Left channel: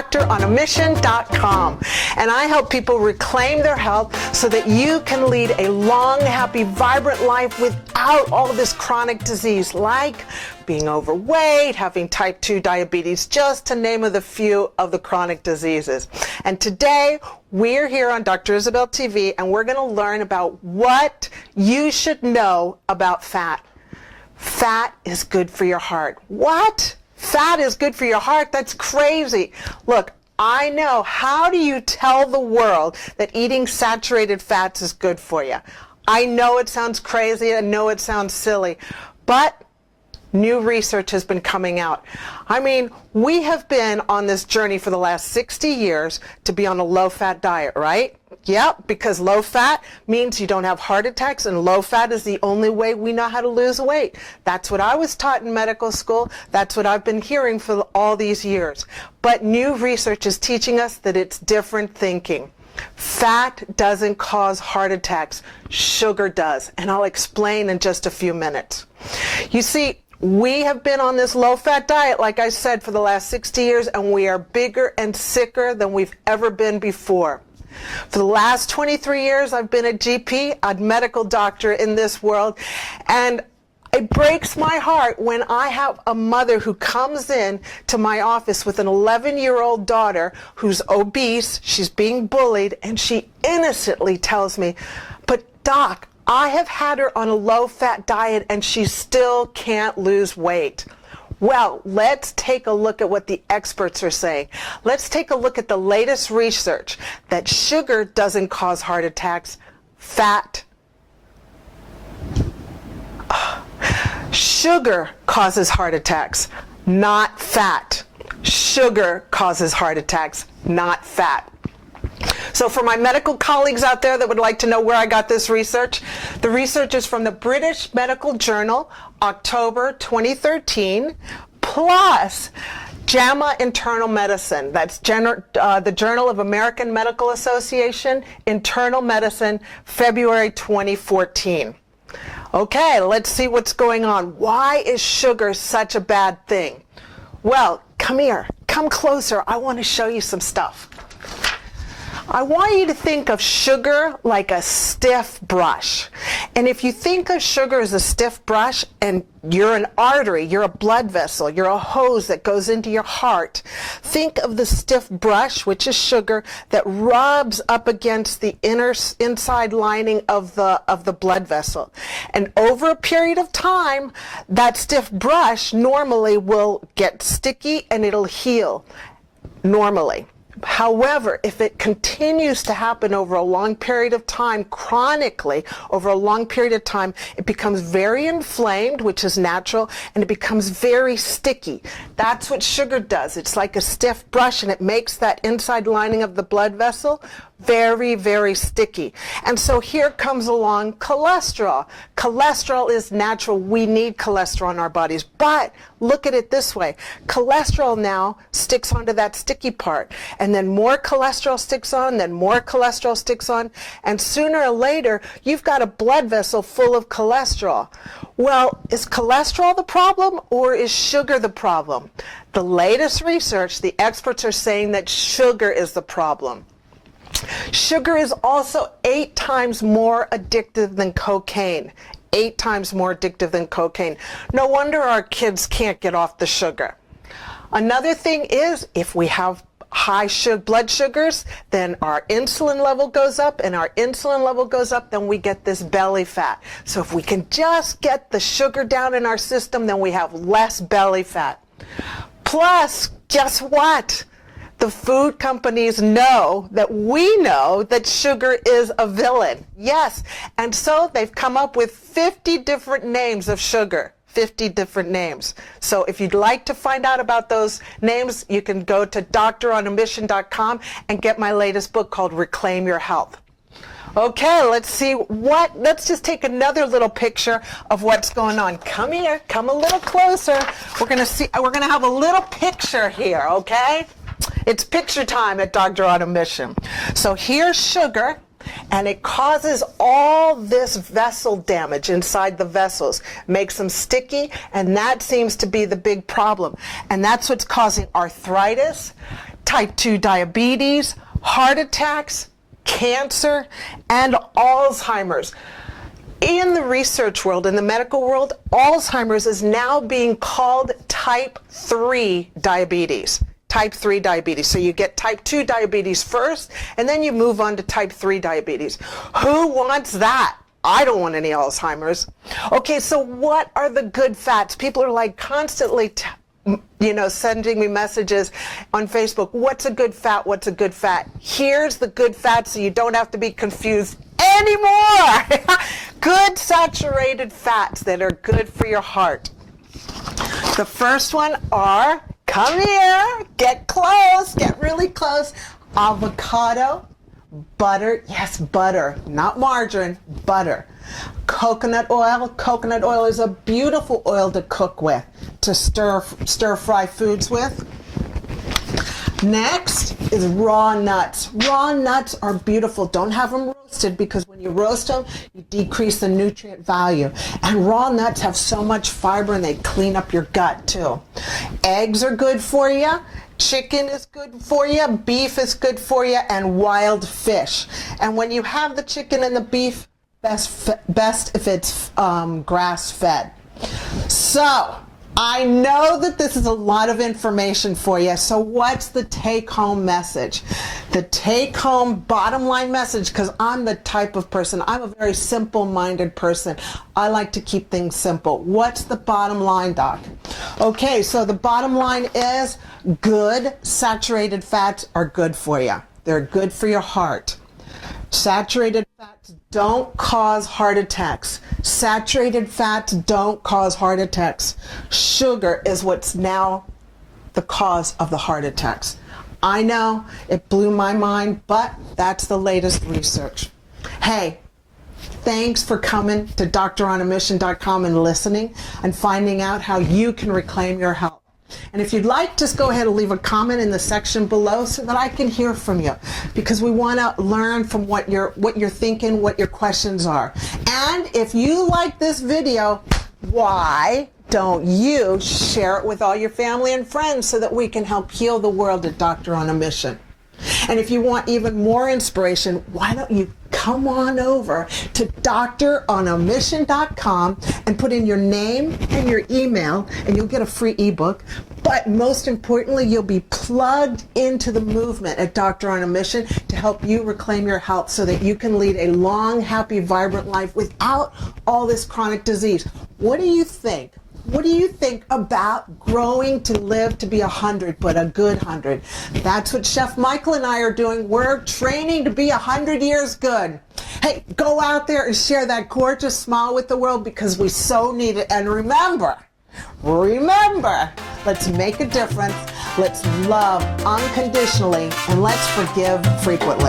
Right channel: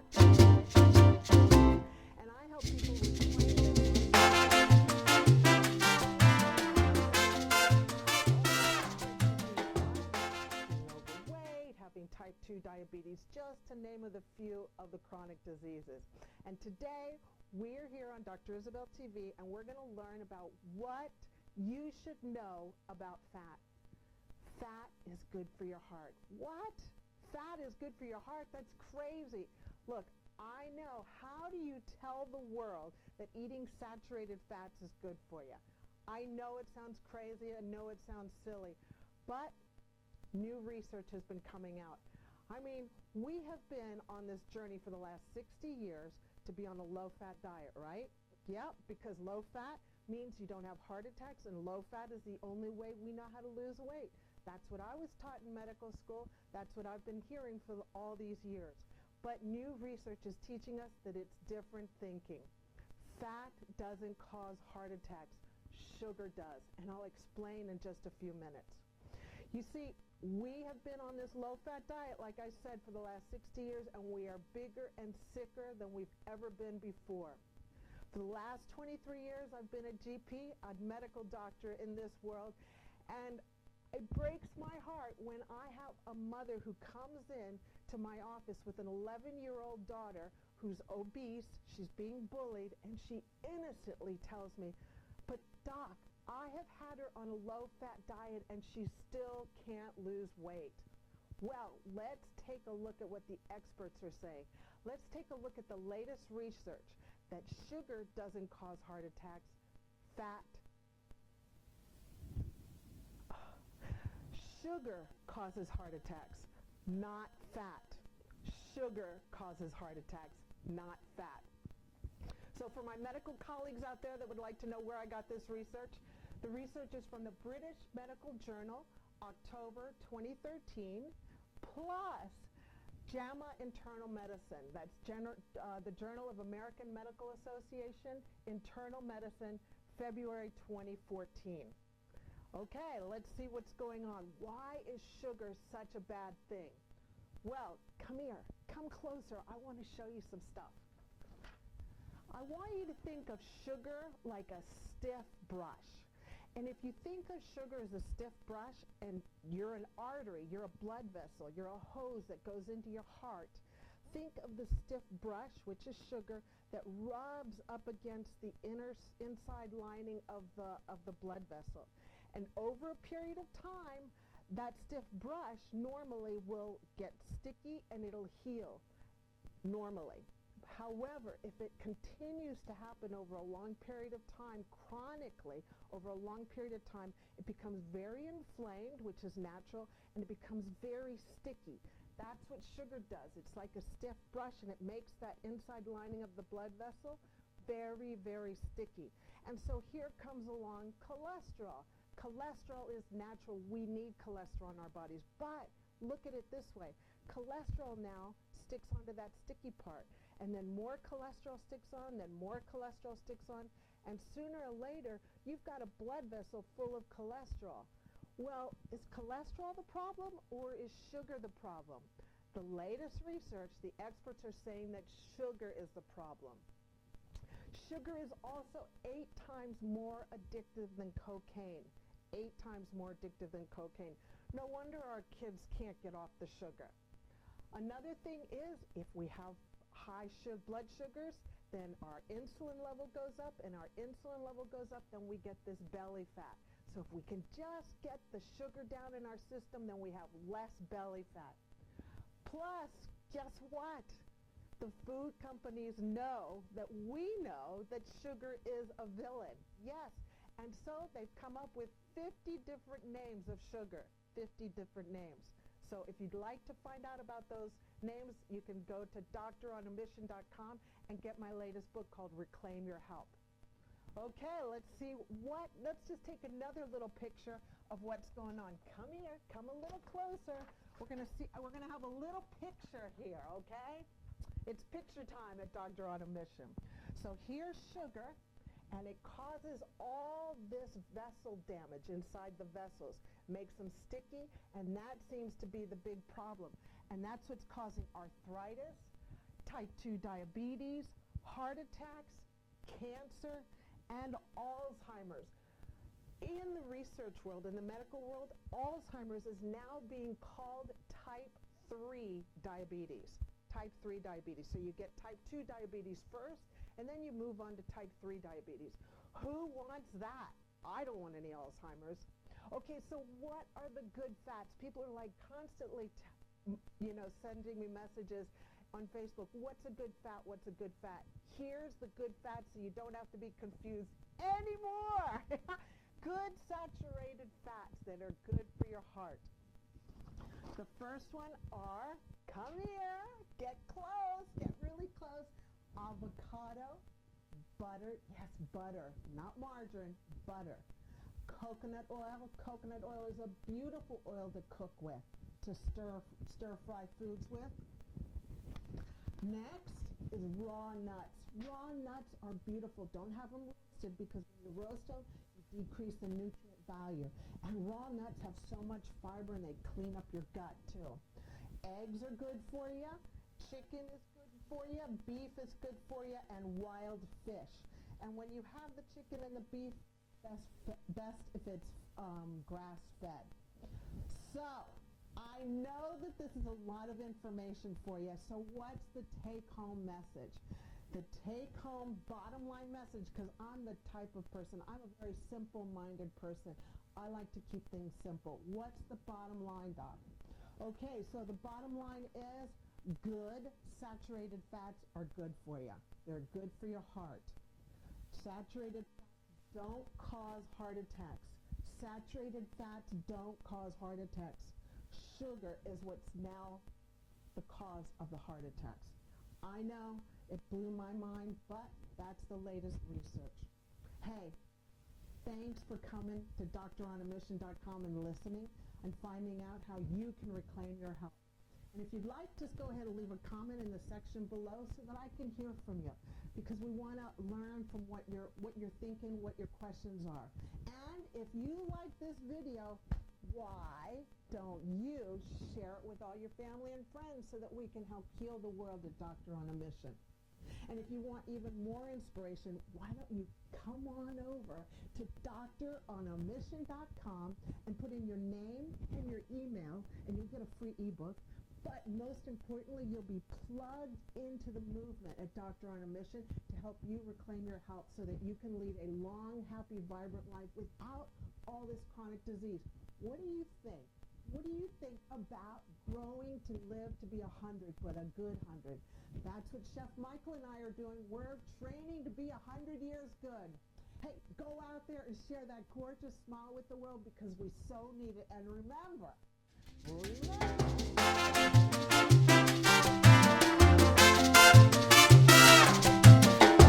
doctoronamission.com. And I help people reclaim their health so that you can lead a long, happy, vibrant life without all this chronic disease, like being overweight, having type 2 diabetes, just to name a few of the chronic diseases. And today, we're here on Dr. Isabel TV, and we're going to learn about what you should know about fat. Fat is good for your heart. What? Fat is good for your heart? That's crazy. Look, I know. How do you tell the world that eating saturated fats is good for you? I know it sounds crazy. I know it sounds silly. But new research has been coming out. I mean, we have been on this journey for the last 60 years to be on a low-fat diet, right? Yep, because low fat means you don't have heart attacks, and low fat is the only way we know how to lose weight. That's what I was taught in medical school. That's what I've been hearing for all these years. But new research is teaching us that it's different thinking. Fat doesn't cause heart attacks. Sugar does, and I'll explain in just a few minutes. You see, we have been on this low-fat diet, like I said, for the last 60 years, and we are bigger and sicker than we've ever been before. For the last 23 years, I've been a GP, a medical doctor in this world, and it breaks my heart when I have a mother who comes in to my office with an 11-year-old daughter who's obese, she's being bullied, and she innocently tells me, "But Doc, I have had her on a low-fat diet and she still can't lose weight." Well, let's take a look at what the experts are saying. Let's take a look at the latest research that sugar doesn't cause heart attacks. Sugar causes heart attacks, not fat. Sugar causes heart attacks, not fat. So for my medical colleagues out there that would like to know where I got this research, the research is from the British Medical Journal, October 2013, plus JAMA Internal Medicine. That's the Journal of American Medical Association, Internal Medicine, February 2014. Okay, let's see what's going on. Why is sugar such a bad thing? Well, come here, come closer. I want to show you some stuff. I want you to think of sugar like a stiff brush. And if you think of sugar as a stiff brush, and you're an artery, you're a blood vessel, you're a hose that goes into your heart, think of the stiff brush, which is sugar, that rubs up against the inside lining of the blood vessel. And over a period of time, that stiff brush normally will get sticky and it'll heal normally. However, if it continues to happen over a long period of time, chronically, over a long period of time, it becomes very inflamed, which is natural, and it becomes very sticky. That's what sugar does. It's like a stiff brush, and it makes that inside lining of the blood vessel very, very sticky. And so here comes along cholesterol. Cholesterol is natural. We need cholesterol in our bodies. But look at it this way. Cholesterol now sticks onto that sticky part. And then more cholesterol sticks on, then more cholesterol sticks on. And sooner or later, you've got a blood vessel full of cholesterol. Well, is cholesterol the problem or is sugar the problem? The latest research, the experts are saying that sugar is the problem. Sugar is also 8 times more addictive than cocaine. 8 times more addictive than cocaine. No wonder our kids can't get off the sugar. Another thing is, if we have high blood sugars, then our insulin level goes up, and our insulin level goes up, then we get this belly fat. So if we can just get the sugar down in our system, then we have less belly fat. Plus, guess what? The food companies know that we know that sugar is a villain. Yes, and so they've come up with 50 different names of sugar. 50 different names. So if you'd like to find out about those names, you can go to doctoronamission.com and get my latest book called Reclaim Your Health. Okay, let's just take another little picture of what's going on. Come here, come a little closer. We're gonna have a little picture here, okay? It's picture time at Dr. on a Mission. So here's sugar, and it causes all this vessel damage inside the vessels, makes them sticky, and that seems to be the big problem. And that's what's causing arthritis, type 2 diabetes, heart attacks, cancer, and Alzheimer's. In the research world, in the medical world, Alzheimer's is now being called type 3 diabetes. Type 3 diabetes. So you get type 2 diabetes first, and then you move on to type 3 diabetes. Who wants that? I don't want any Alzheimer's. Okay, so what are the good fats? People are like constantly sending me messages on Facebook. What's a good fat? What's a good fat? Here's the good fat so you don't have to be confused anymore. Good saturated fats that are good for your heart. The first one are, come here, get close, get really close. Avocado, butter, yes, butter, not margarine, butter. Coconut oil is a beautiful oil to cook with, to stir fry foods with. Next is raw nuts. Raw nuts are beautiful. Don't have them roasted, because when you roast them, you decrease the nutrient value. And raw nuts have so much fiber, and they clean up your gut too. Eggs are good for you. Chicken is good for you. Beef is good for you. And wild fish. And when you have the chicken and the beef, best if it's grass-fed. So, I know that this is a lot of information for you, so what's the take-home message? The take-home bottom line message, because I'm the type of person, I'm a very simple-minded person. I like to keep things simple. What's the bottom line, Doc? Okay, so the bottom line is good saturated fats are good for you. They're good for your heart. Saturated fats don't cause heart attacks. Saturated fats don't cause heart attacks. Sugar is what's now the cause of the heart attacks. I know, it blew my mind, but that's the latest research. Hey, thanks for coming to DoctorOnAMission.com and listening and finding out how you can reclaim your health. And if you'd like, just go ahead and leave a comment in the section below so that I can hear from you, because we want to learn from what you're thinking, what your questions are. And if you like this video, why don't you share it with all your family and friends so that we can help heal the world at Doctor on a Mission? And if you want even more inspiration, why don't you come on over to DoctorOnAMission.com and put in your name and your email, and you'll get a free ebook. But most importantly, you'll be plugged into the movement at Doctor on a Mission to help you reclaim your health so that you can lead a long, happy, vibrant life without all this chronic disease. What do you think? What do you think about growing to live to be 100, but a good 100? That's what Chef Michael and I are doing. We're training to be 100 years good. Hey, go out there and share that gorgeous smile with the world, because we so need it. And remember, let's make a difference. Let's love unconditionally, and let's forgive frequently.